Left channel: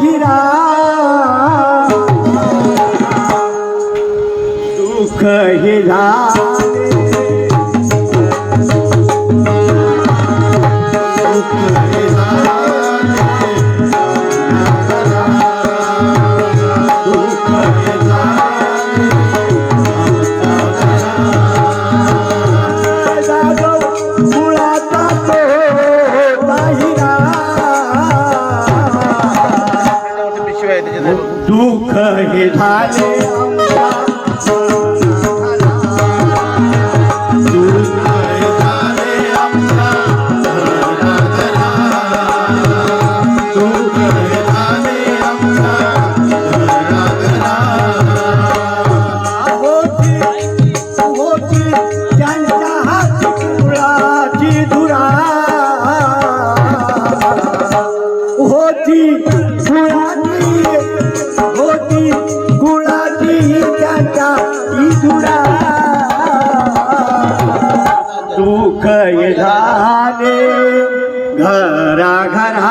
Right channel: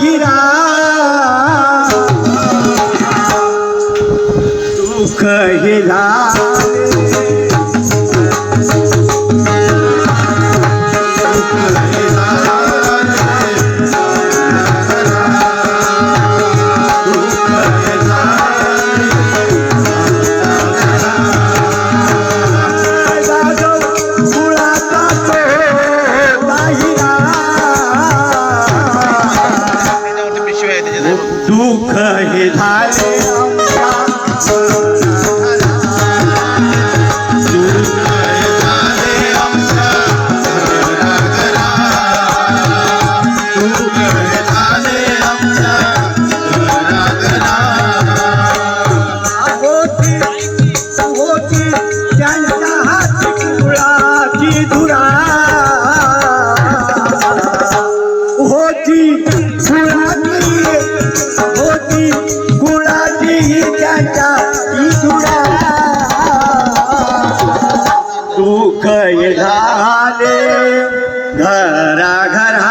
हिरा दुःख हिरा दुःख हे झाले दुःख झाले घरा घरा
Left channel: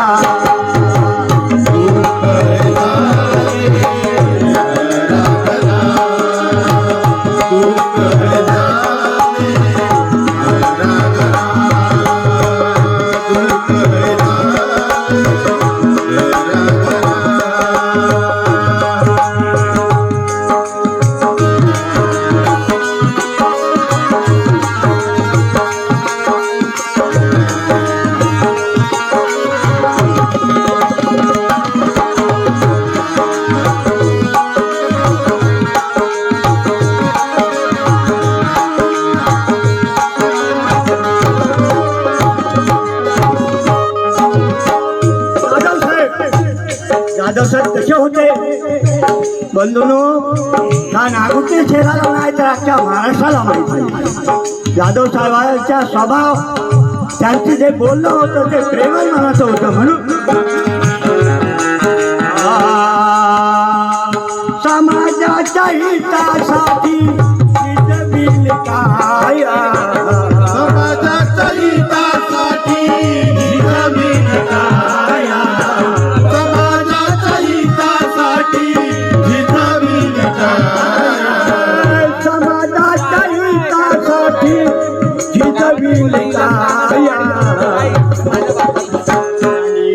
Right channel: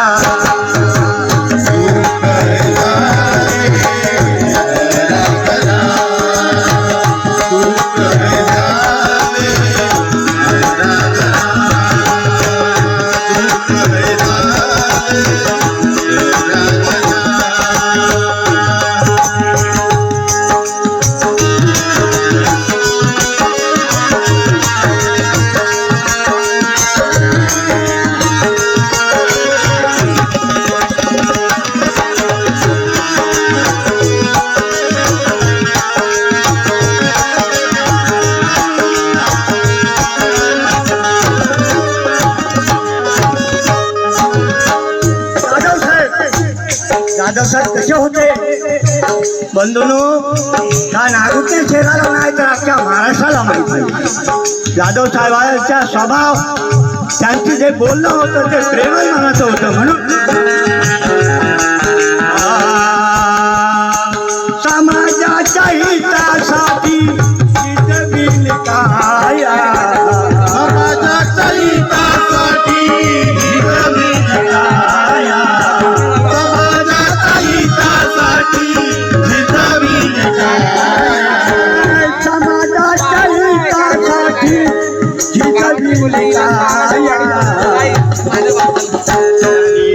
यादव साहेब कसे होते बंधूंनो हा नागपूर शहराला नाही तर अख्ख्या महाराष्ट्राला माहीत आहे. यादव साहेबांचा स्वभाव त्यांची जे बोलणं होतं ते प्रेमळ मनाचं होतं म्हणून समाजाच्या हितासाठी जितविल काया समाजाच्या हितासाठी जितविल काया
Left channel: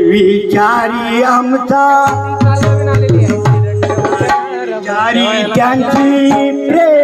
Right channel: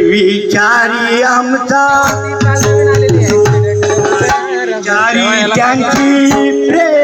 विचारी आमचा विचारी त्यांची प्रेम